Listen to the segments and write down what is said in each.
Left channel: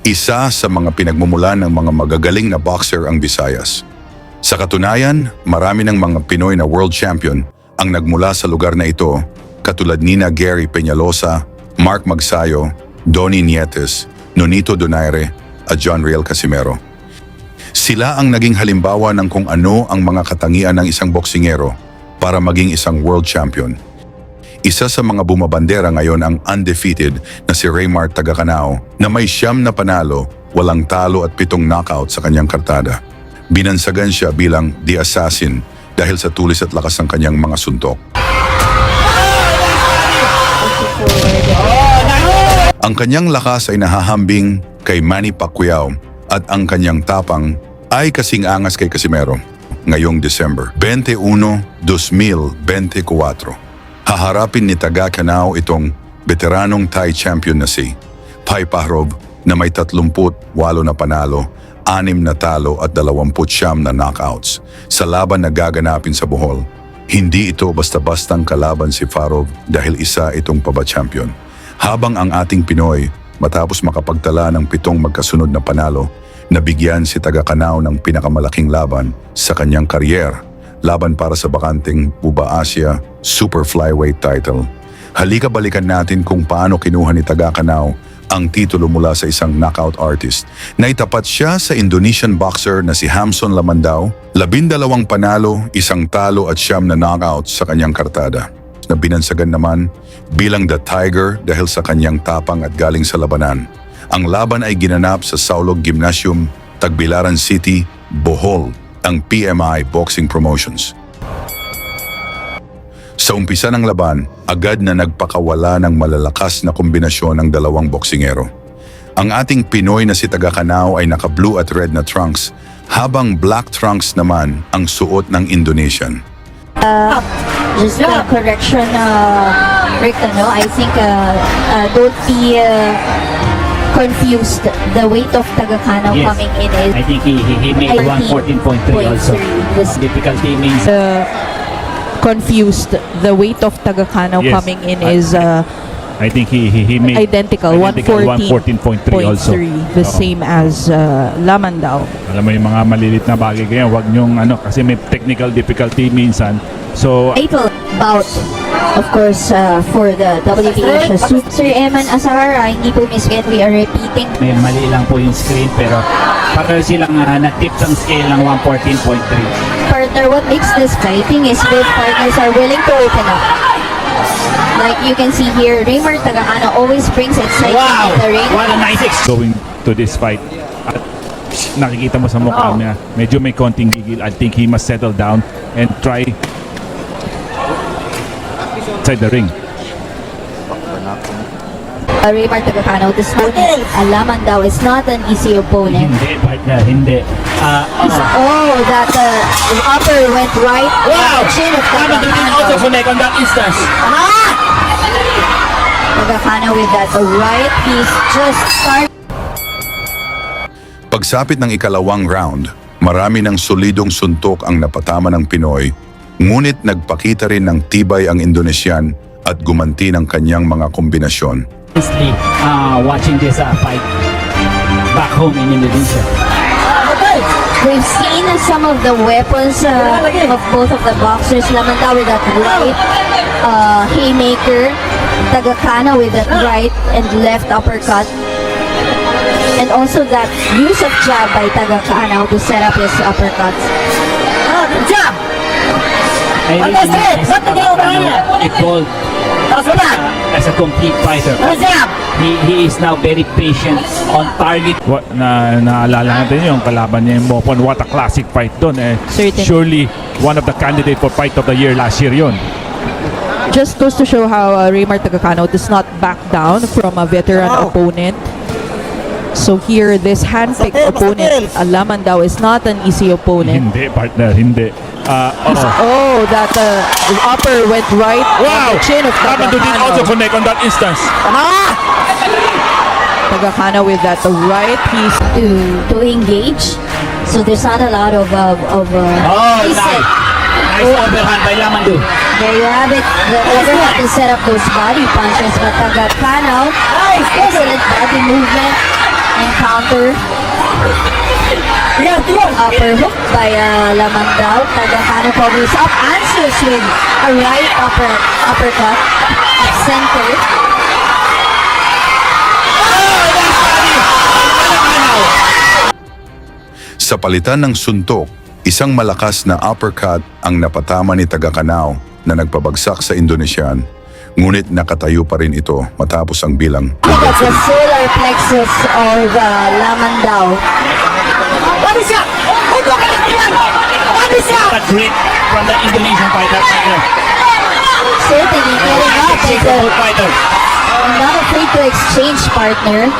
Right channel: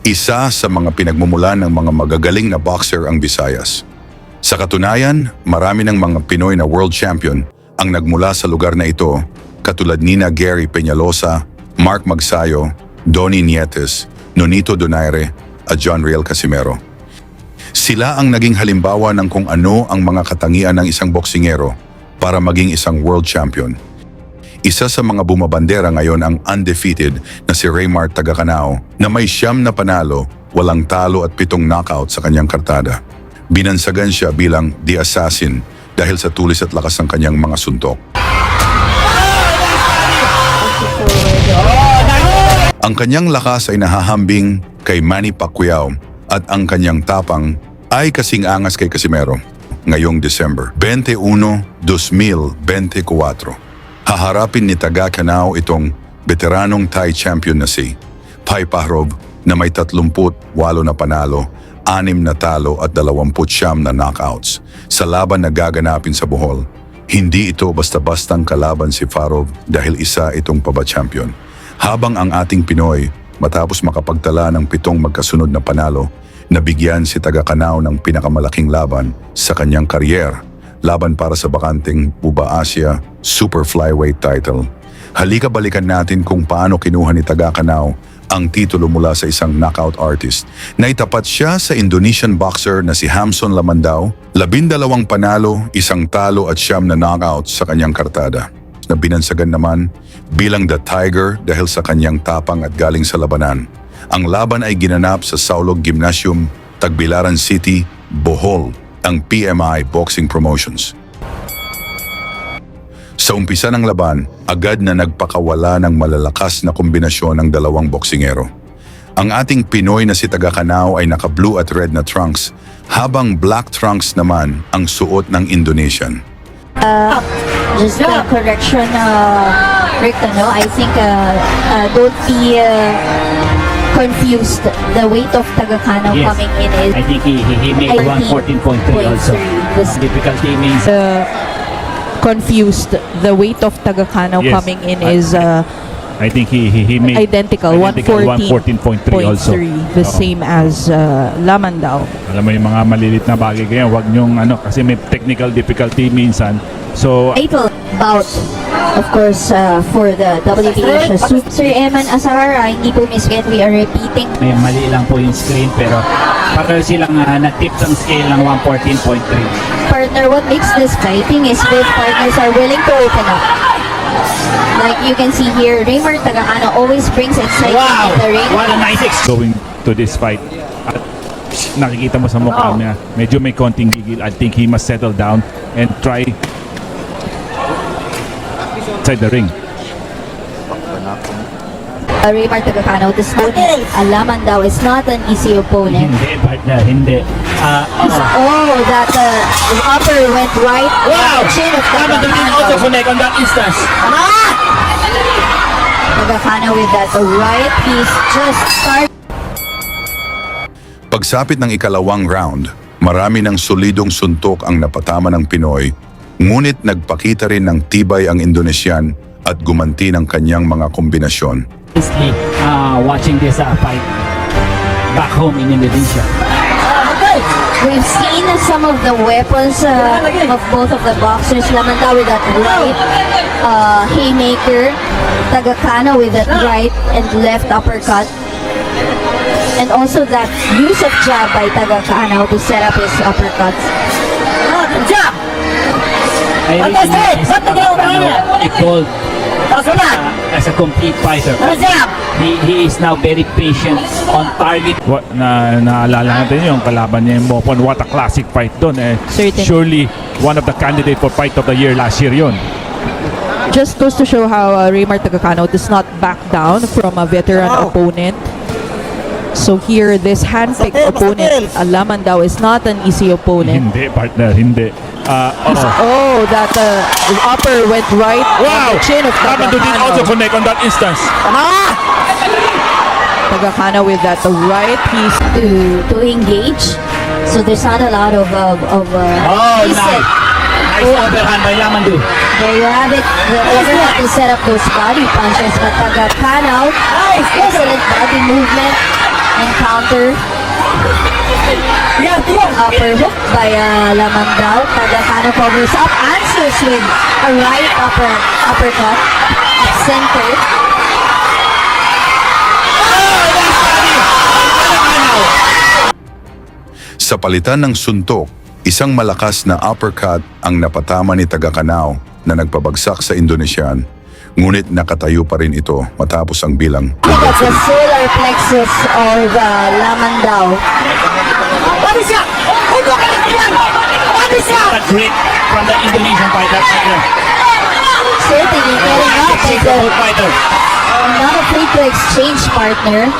Isa sa mga pinagmumulan ng mga magagaling na boxer ang Visayas. Sa katunayan, marami ng mga Pinoy na world champion ang nagmula sa lugar na ito, katulad nina Gary Peñalosa, Mark Magsayo, Donnie Nietes, Nonito Donaire at John Riel Casimero. Sila ang naging halimbawa ng kung ano ang mga katangian ng isang boksingero para maging isang world champion. Isa sa mga bumabandera ngayon ang undefeated na si Raymar Tagacanao na may 9 na panalo, walang talo at 7 knockout sa kanyang kartada. Binansagan siya bilang The Assassin dahil sa tulis at lakas ng kanyang mga suntok. Ang kanyang lakas ay nahahambing kay Manny Pacquiao at ang kanyang tapang ay kasing angas kay Casimero. Ngayong December 21, 2024. Haharapin ni Tagacanao itong veteranong Thai champion na si Pai Pahrov na may 38 na panalo, 6 na talo at 29 na knockouts sa laban na gaganapin sa Bohol. Hindi ito basta-bastang kalaban si Pahrov dahil isa itong paba-champion. Habang ang ating Pinoy matapos makapagtala ng 7 magkasunod na panalo, nabigyan si Tagacanao ng pinakamalaking laban sa kanyang karyer, laban para sa bakanting Buba Asia Super Flyweight title. Halika balikan natin kung paano kinuha ni Tagacanao ang titulo mula sa isang knockout artist. Naitapat siya sa Indonesian boxer na si Hamson Lamandao, 12 panalo, 1 talo at 9 na knockout sa kanyang kartada. Na binansagan naman bilang The Tiger dahil sa kanyang tapang at galing sa labanan. Ang laban ay ginanap sa Saulog Gymnasium, Tagbilaran City, Bohol, ang PMI Boxing Promotions. Sa umpisa ng laban, agad na nagpakawala ng malalakas na kombinasyon ng dalawang boksingero. Ang ating Pinoy na si Tagacanao ay naka-blue at red na trunks, habang black trunks naman ang suot ng Indonesian. Just a correction, Rick, I think don't be confused. The weight of Tagacanao coming in is... I think he made 114.3 also. Difficulty means confused. The weight of Tagacanao Yes. coming in is I think he made identical 114.3 also. the same as Lamandao. Alam mo yung mga malilit na bagay ganyan, wag niyong kasi may technical difficulty minsan. So Title bout, of course, for the WTA Sir Eman Asahara, hindi po mismo we are repeating. mali lang po yung screen pero silang nag-tip ng scale ng 114.3. Partner, what makes this fighting is both partners are willing to open up. Like you can see here, Raymar Tagacanao always brings excitement to the ring. What a nice going to this fight. At nakikita mo sa mukha niya, medyo may konting gigil. I think he must settle down and try inside the ring. Raymar Tagacanao, this not Lamandao is not an easy opponent. Hindi, partner, hindi. That the upper went right. Tagacanao with that right, he's just starting. Pagsapit ng ikalawang round, marami ng solidong suntok ang napatama ng Pinoy, ngunit nagpakita rin ng tibay ang Indonesian at gumanti ng kanyang mga kombinasyon. Honestly, watching this fight back home in Indonesia. We've seen some of the weapons of both of the boxers. Lamandao with that right haymaker, Tagacanao with that right and left uppercut. And also that use of jab by Tagacanao to set up his uppercuts. Very it goes as a complete fighter. He is now very patient on target. Naalala natin yung kalaban niya yung Mopon. What a classic fight doon. Certainly. Surely one of the candidates for fight of the year last year yun. Just goes to show how Raymar Tagacanao does not back down from a veteran opponent. So here, this handpicked opponent, Lamandao, is not an easy opponent. Hindi, partner, hindi. Oh, that upper went right on the chin of Lamandao did also Tagacanao. connect on that instance. Tagacanao with that right piece. To engage. So there's not a lot of Nice overhand by Lamandao. there you have it. To set up those body punches, but Tagacanao, excellent body movement. encounter. Upper hook by Lamandao. Tagakano covers up, answers with a right uppercut. Center. Sa palitan ng suntok, isang malakas na uppercut ang napatama ni Tagakanao na nagpabagsak sa Indonesian. Ngunit nakatayo pa rin ito matapos ang bilang. That's the solar plexus of Lamandao. What is that? What is that? A great from the Indonesian fighter. Certainly not afraid to exchange partner.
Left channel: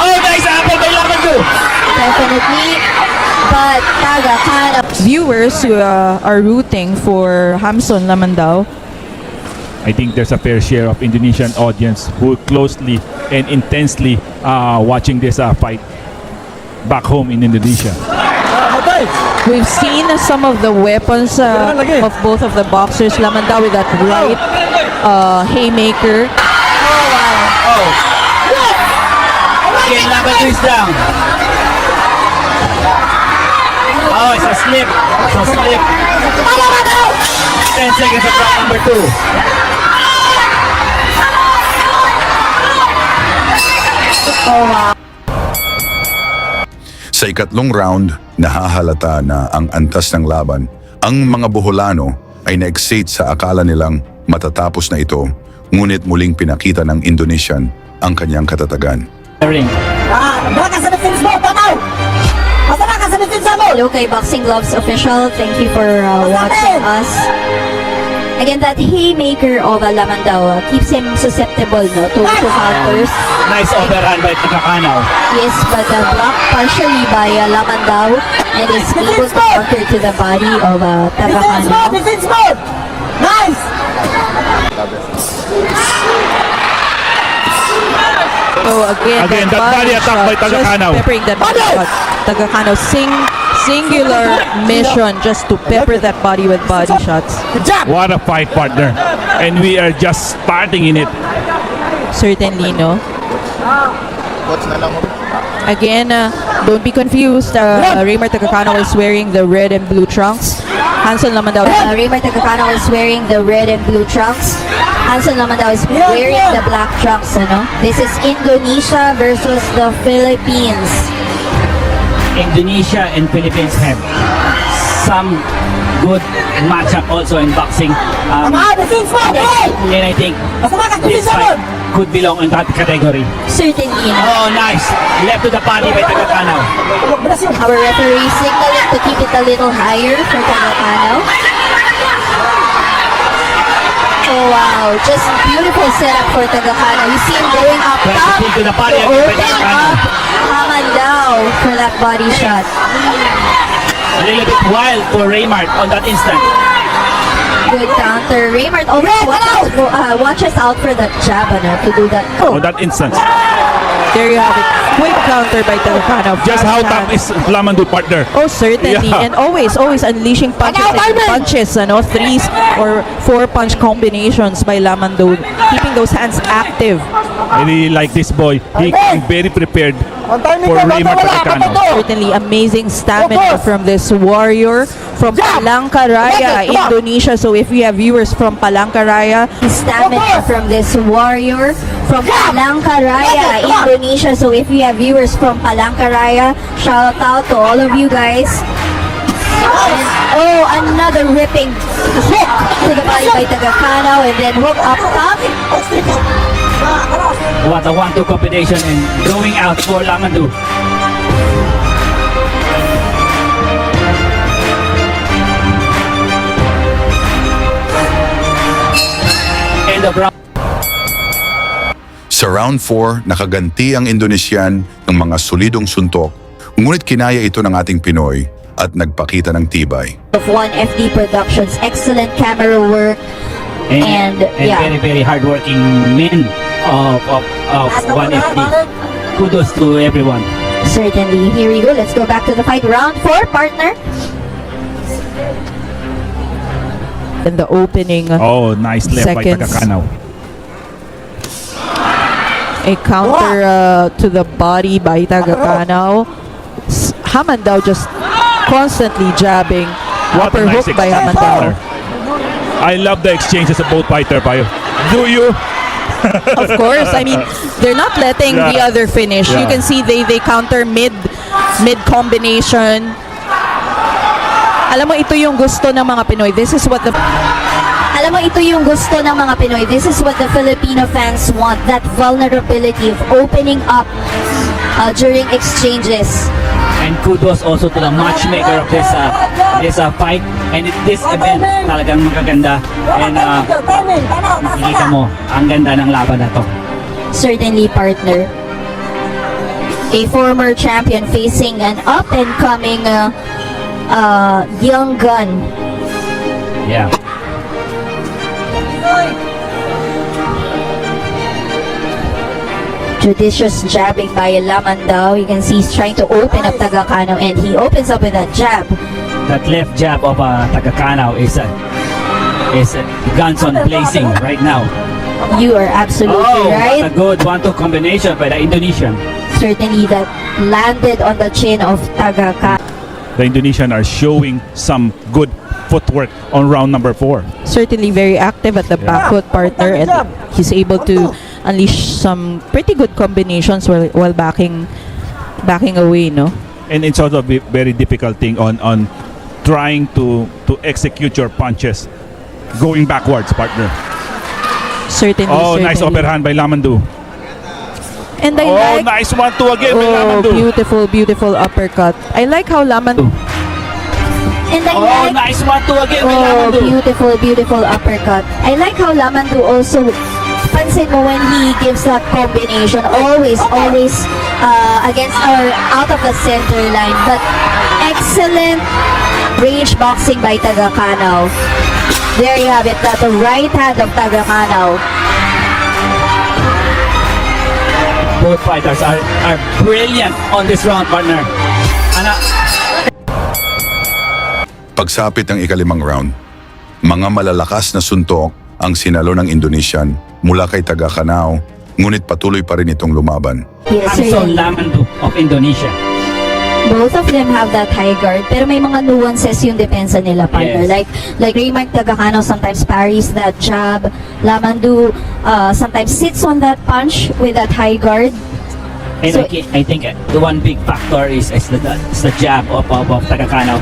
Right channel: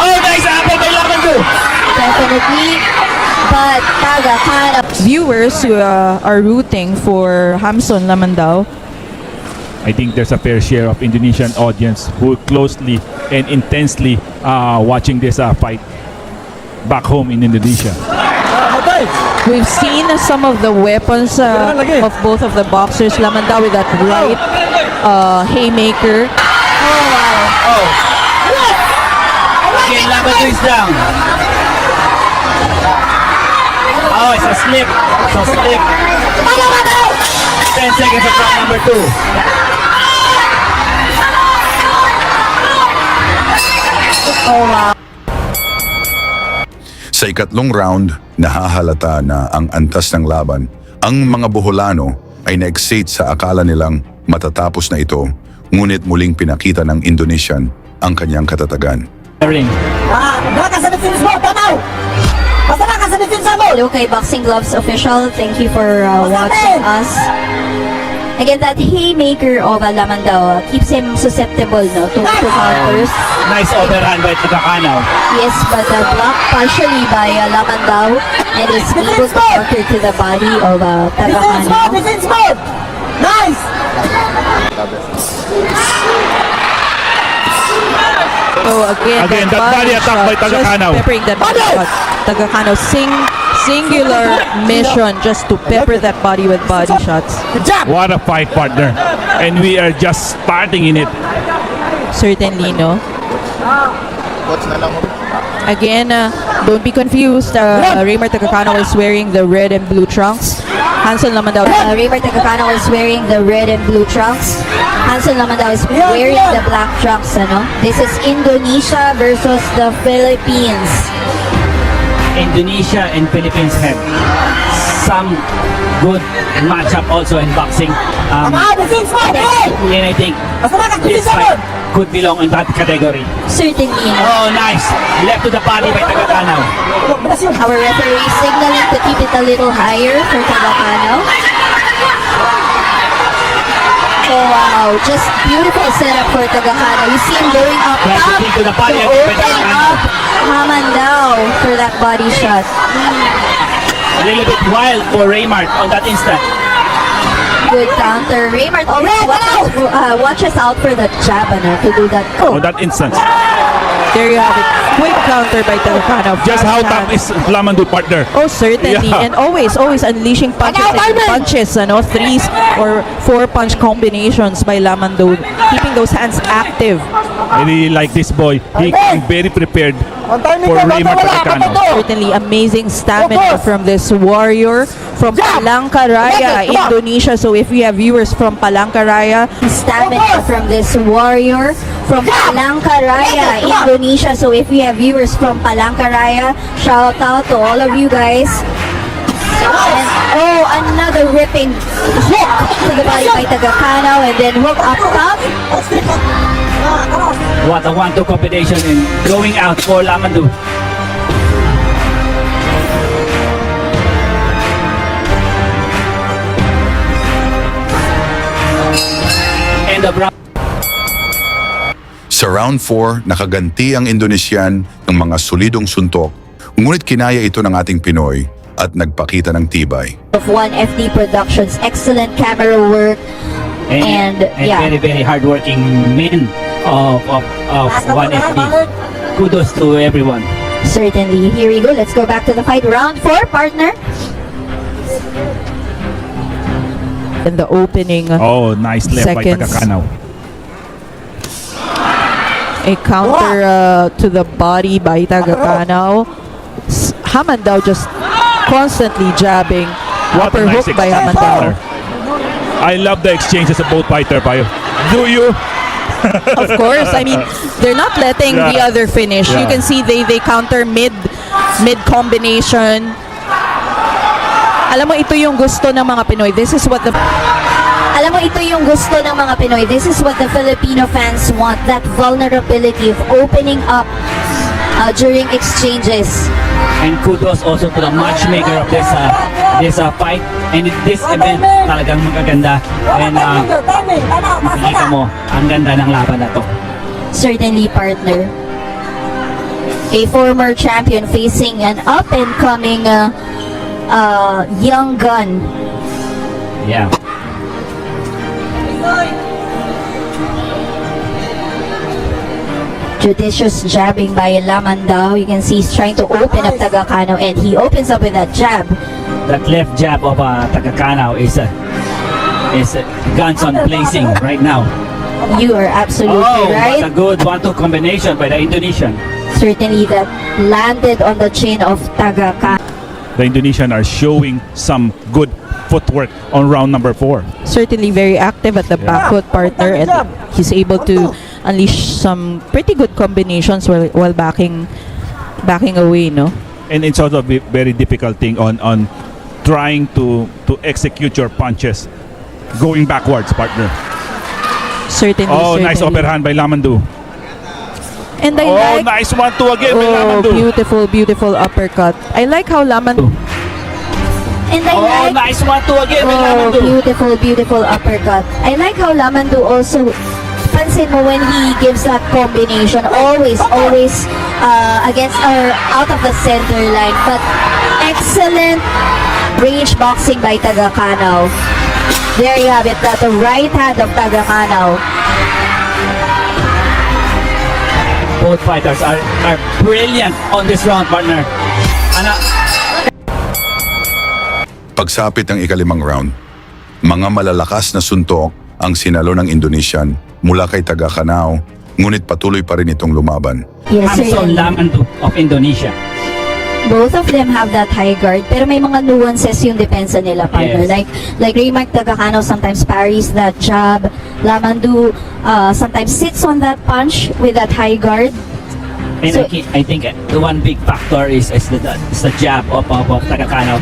Oh, nice apple by Lamandao. Definitely. But Tagakano. Viewers who are rooting for Hamson Lamandao, I think there's a fair share of Indonesian audience who closely and intensely watching this fight back home in Indonesia. we've seen some of the weapons of both of the boxers. Lamandao with that right haymaker. Lamandao is down. Oh, it's a slip. It's a slip. 10 seconds of round number 2. Sa ikatlong round, nahahalata na ang antas ng laban. Ang mga Boholano ay na-excite sa akala nilang matatapos na ito, ngunit muling pinakita ng Indonesian ang kanyang katatagan. Ring. Hello kay Boxing Gloves Official. Thank you for watching us. Again, that haymaker of Lamandao keeps him susceptible to counters. Nice overhand by Tagakano. Yes, but blocked partially by Lamandao and is able to counter to the body of Tagakano. So again, That body attack by shot, Tagakano. just peppering that body shot. Tagakano singular mission just to pepper that body with body shots. What a fight, partner. And we are just starting in it. Certainly, no? Again, don't be confused. Raymar Tagakano is wearing the red and blue trunks. Hanson Lamandao. Raymar Tagakano is wearing the red and blue trunks. Hanson Lamandao is wearing the black trunks. Ano? This is Indonesia versus the Philippines. Indonesia and Philippines have some good matchup also in boxing. And I think this fight could belong in that category. Certainly. Oh, nice. Left to the body by Tagakano. Our referee signaling to keep it a little higher for Tagakano. Oh wow, just beautiful setup for Tagakano. You see him going up top To the to body of open Tagakano. up Lamandao for that body shot. A little bit wild for Raymart on that instant. Good counter. Raymart always watches out for that jab to do that. On that instant. There you have it. Quick counter by Tagakano. Just Fast how hand. tough is Lamandao, partner? Oh, certainly. Yeah. And always unleashing punches and punches, threes or 4-punch combinations by Lamandao, keeping those hands active. I really like this boy. He came very prepared for Raymart Tagakano. Certainly amazing stamina from this warrior from Palangkaraya, Indonesia. So if we have viewers from Palangkaraya, Stamina from this warrior from Palangkaraya, Indonesia. So if we have viewers from Palangkaraya, shout out to all of you guys. Oh, another ripping hook to the body by Tagakano and then hook up top. What a 1-2 combination and going out for Lamandao. End of round. Sa round 4, nakaganti ang Indonesian ng mga solidong suntok, ngunit kinaya ito ng ating Pinoy at nagpakita ng tibay. Of 1FD Productions, excellent camera work. And, yeah. very, very hardworking men of 1FD. Kudos to everyone. Certainly. Here we go. Let's go back to the fight. Round 4, partner. in the opening Oh, nice left by seconds. Tagakano. A counter to the body by Tagakanaw. Hamandao just constantly jabbing. What Upper a nice hook by exchange, Hamandao. partner. I love the exchanges of both fighter, Payo. Do you? Of course, I mean, they're not letting the Yeah. other finish. You Yeah. can see they counter mid combination. Alam mo, ito yung gusto ng mga Pinoy. This is what the Alam mo, ito yung gusto ng mga Pinoy. This is what the Filipino fans want. That vulnerability of opening up during exchanges. And kudos also to the matchmaker of this fight. And in this event, talagang magaganda. And makikita mo, ang ganda ng laban na to. Certainly, partner. A former champion facing an up-and-coming young gun. Yeah. Judicious jabbing by Lamandao. You can see he's trying to open up Tagakanaw, and he opens up with that jab. That left jab of Tagakanaw is guns on blazing right now. You are absolutely That's a right. good 1-2 combination by the Indonesian. Certainly that landed on the chin of Tagakanaw. The Indonesian are showing some good footwork on round number 4. certainly very active at the back foot, partner, and he's able to unleash some pretty good combinations while backing away, no? And it's also a very difficult thing on trying to execute your punches going backwards, partner. Certainly. Oh, certainly. nice overhand by Lamandu. And I Oh, like nice 1-2 again by oh, Lamandu. beautiful uppercut. I like how Lamandu And I Oh, like nice 1-2 again by Oh, Lamandu. beautiful uppercut. I like how Lamandu also, pansin mo when he gives that combination, always against or out of the center line. But excellent range boxing by Tagakanaw. There you have it, that's the right hand of Tagakanaw. Both fighters are brilliant on this round, partner. Pagsapit ng ikalimang round, mga malalakas na suntok ang sinalo ng Indonesian mula kay Tagakanaw, ngunit patuloy pa rin itong lumaban. Yes, Hamson sir. Lamandu of Indonesia. Both of them have that high guard, pero may mga nuances yung depensa nila, partner. Yes. Like Raymark Tagakanaw sometimes parries that jab. Lamandu sometimes sits on that punch with that high guard. And So- I think the one big factor is the jab of Tagakanaw.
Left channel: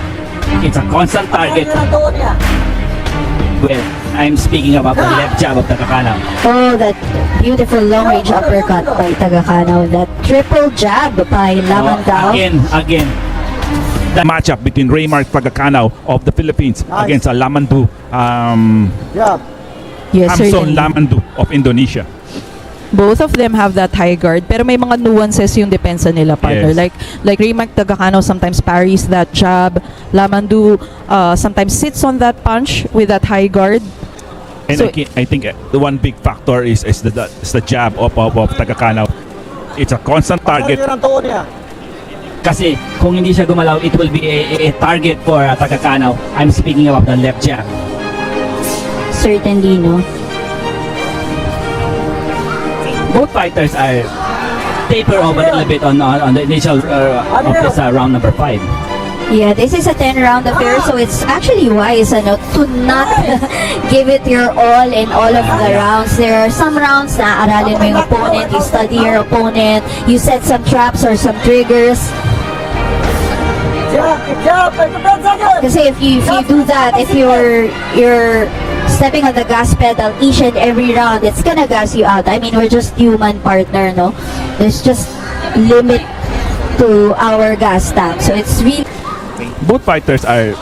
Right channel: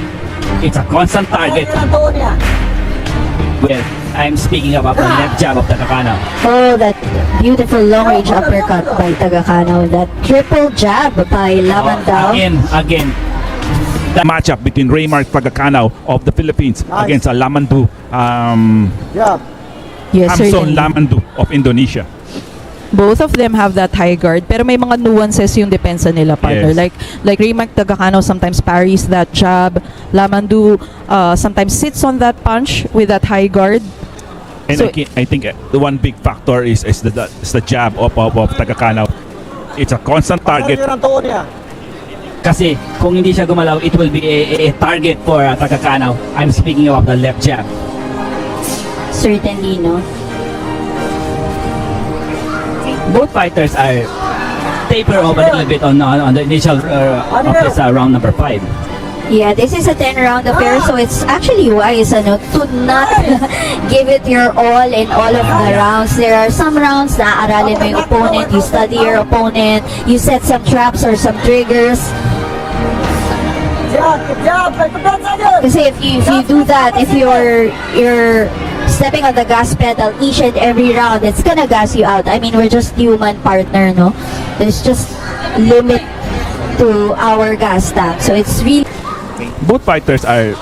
It's a constant target. Well, I'm speaking about the left jab of Tagakanaw. Oh, that beautiful long-range uppercut by Tagakanaw. That triple jab by Lamandao. Again. The matchup between Raymark Tagakanaw of the Philippines against Lamandu, yes, Hamson certainly. Lamandu of Indonesia. Both of them have that high guard, pero may mga nuances yung depensa nila, partner. Yes. Like Raymark Tagakanaw sometimes parries that jab. Lamandu sometimes sits on that punch with that high guard. And So- I think the one big factor is the jab of Tagakanaw. It's a constant target. Kasi kung hindi siya gumalaw, it will be a target for Tagakanaw. I'm speaking about the left jab. Certainly, no? Both fighters are taper off a little bit on the initial of this round number 5. Yeah, this is a 10-round affair, so it's actually wise to not give it your all in all of the rounds. There are some rounds na aralin mo yung opponent, you study your opponent, you set some traps or some triggers. Kasi if you do that, if you're stepping on the gas pedal each and every round, it's gonna gas you out. I mean, we're just human, partner, no? There's just limit to our gas tank. So it's really Both fighters are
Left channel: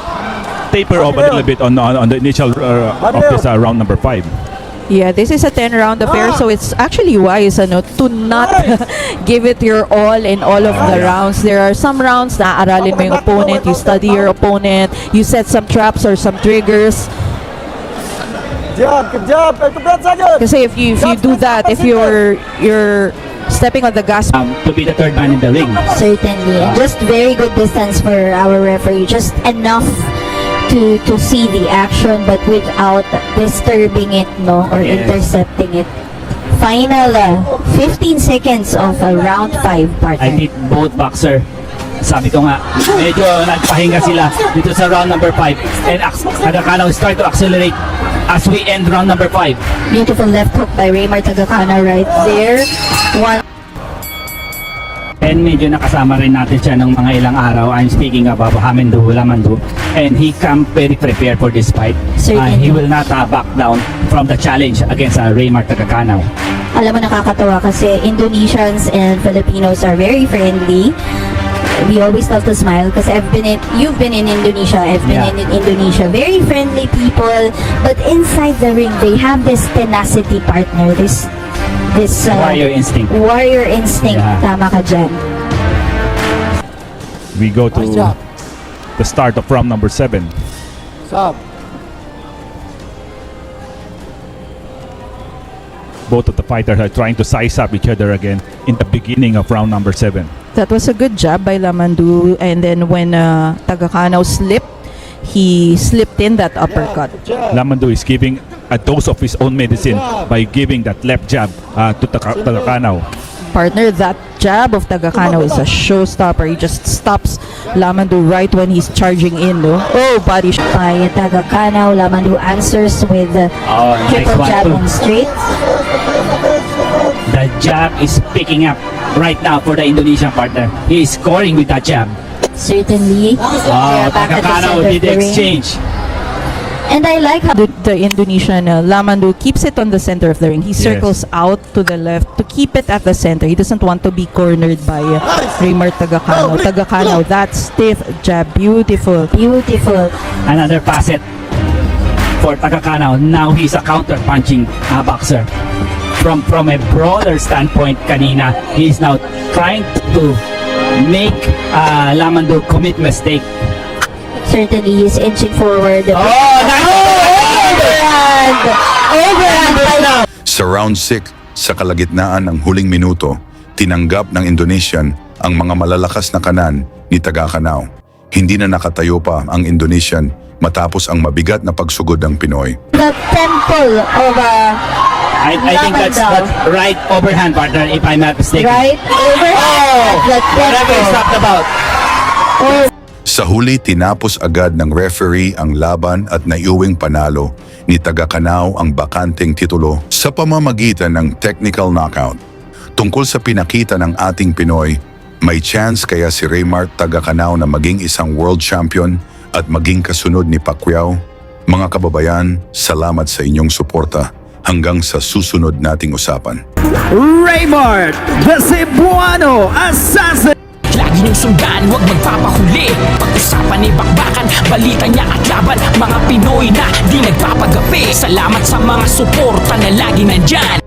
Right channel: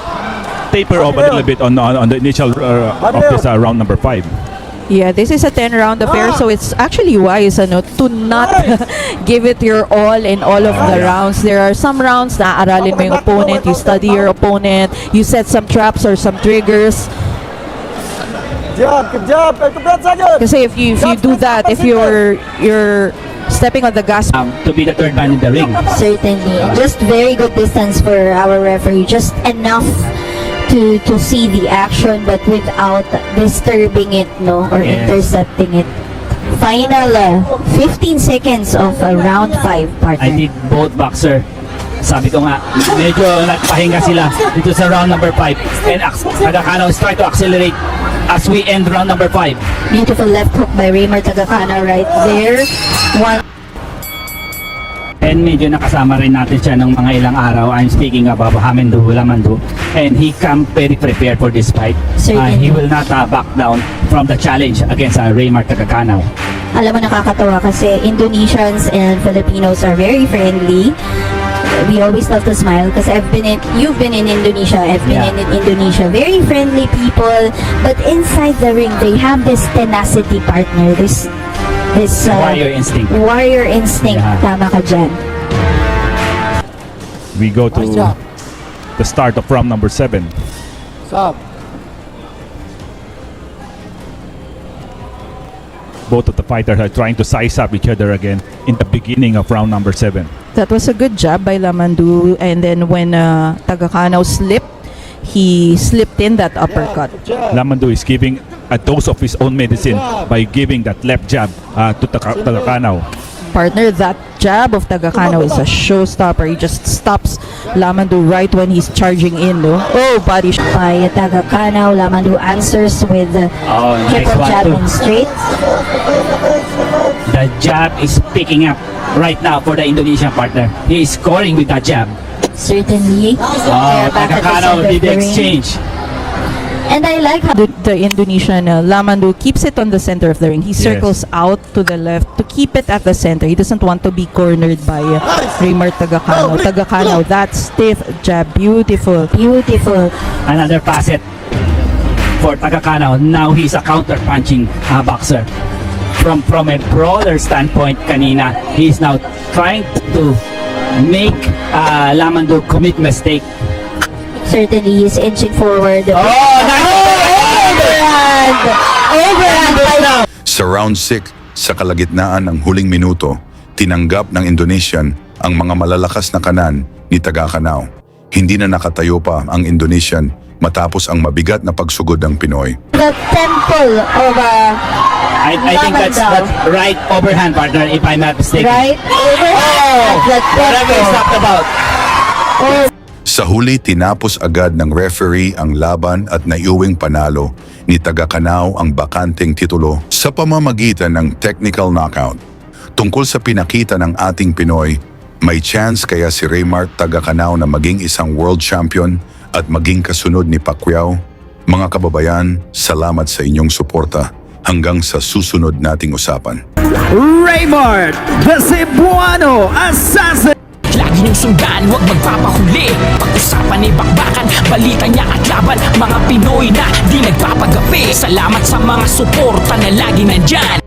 taper off a little bit on the initial of this round number 5. Yeah, this is a 10-round affair, so it's actually wise to not give it your all in all of the rounds. There are some rounds na aralin mo yung opponent, you study your opponent, you set some traps or some triggers. Kasi if you do that, if you're stepping on the gas, To be the third man in the ring. certainly and just very good distance for our referee, just enough to see the action but without disturbing it, no, or Yes. intercepting it final 15 seconds of round 5 I partner. think both boxer, sabi ko nga, medyo nagpahinga sila dito sa round number 5. And Tagakano is trying to accelerate as we end round number 5. Beautiful left hook by Raymar Tagakano right there. One. And medyo nakasama rin natin siya ng mga ilang araw. I'm speaking about Hamindu, Lamandu. And he come very prepared for this fight. He will not back down from the challenge against Raymar Tagakano. Alam mo, nakakatawa kasi Indonesians and Filipinos are very friendly. We always love to smile kasi you've been in Indonesia, I've been Yeah. in Indonesia. Very friendly people, but inside the ring, they have this tenacity partner, this Warrior instinct. warrior instinct. Yeah. Tama ka dyan. We go to the start of round number 7. Both of the fighters are trying to size up each other again in the beginning of round number 7. That was a good jab by Lamandu, and then when Tagakano slipped, he slipped in that uppercut. Lamandu is giving a dose of his own medicine by giving that left jab to Tagakano. Partner, that jab of Tagakano is a showstopper. He just stops Lamandu right when he's charging in. No? Oh, body shot. By Tagakano, Lamandu answers with Nice triple one jab too. and straight. The jab is picking up right now for the Indonesian partner. He is scoring with that jab. Certainly, they're back at the Tagakano center of did the the ring. exchange. And I like how The Indonesian Lamandu keeps it on the center of the ring. He circles out to the left to keep it at the center. He doesn't want to be cornered by Raymar Tagakano. Tagakano, that stiff jab, beautiful. beautiful. Another facet for Tagakano. Now he's a counter-punching boxer. From a broader standpoint kanina, he's now trying to make Lamandu commit mistake. Certainly, he's inching forward. Sa round 6, sa kalagitnaan ng huling minuto, tinanggap ng Indonesian ang mga malalakas na kanan ni Tagakano. Hindi na nakatayo pa ang Indonesian matapos ang mabigat na pagsugod ng Pinoy. The temple of I think that's right overhand, partner, if I'm not mistaken. right. Whatever he's talking about. Sa huli, tinapos agad ng referee ang laban at naiuwing panalo ni Tagakano ang bakanteng titulo sa pamamagitan ng technical knockout. Tungkol sa pinakita ng ating Pinoy, may chance kaya si Raymar Tagakano na maging isang world champion at maging kasunod ni Pacquiao? Mga kababayan, salamat sa inyong suporta. Hanggang sa susunod nating usapan. Raymar, the Cebuano Assassin! Lagi niyong sundan, huwag magpapahuli. Pag-usapan ni bakbakan, balita niya at laban. Mga Pinoy na di nagpapagapi. Salamat sa mga suporta na lagi nandyan.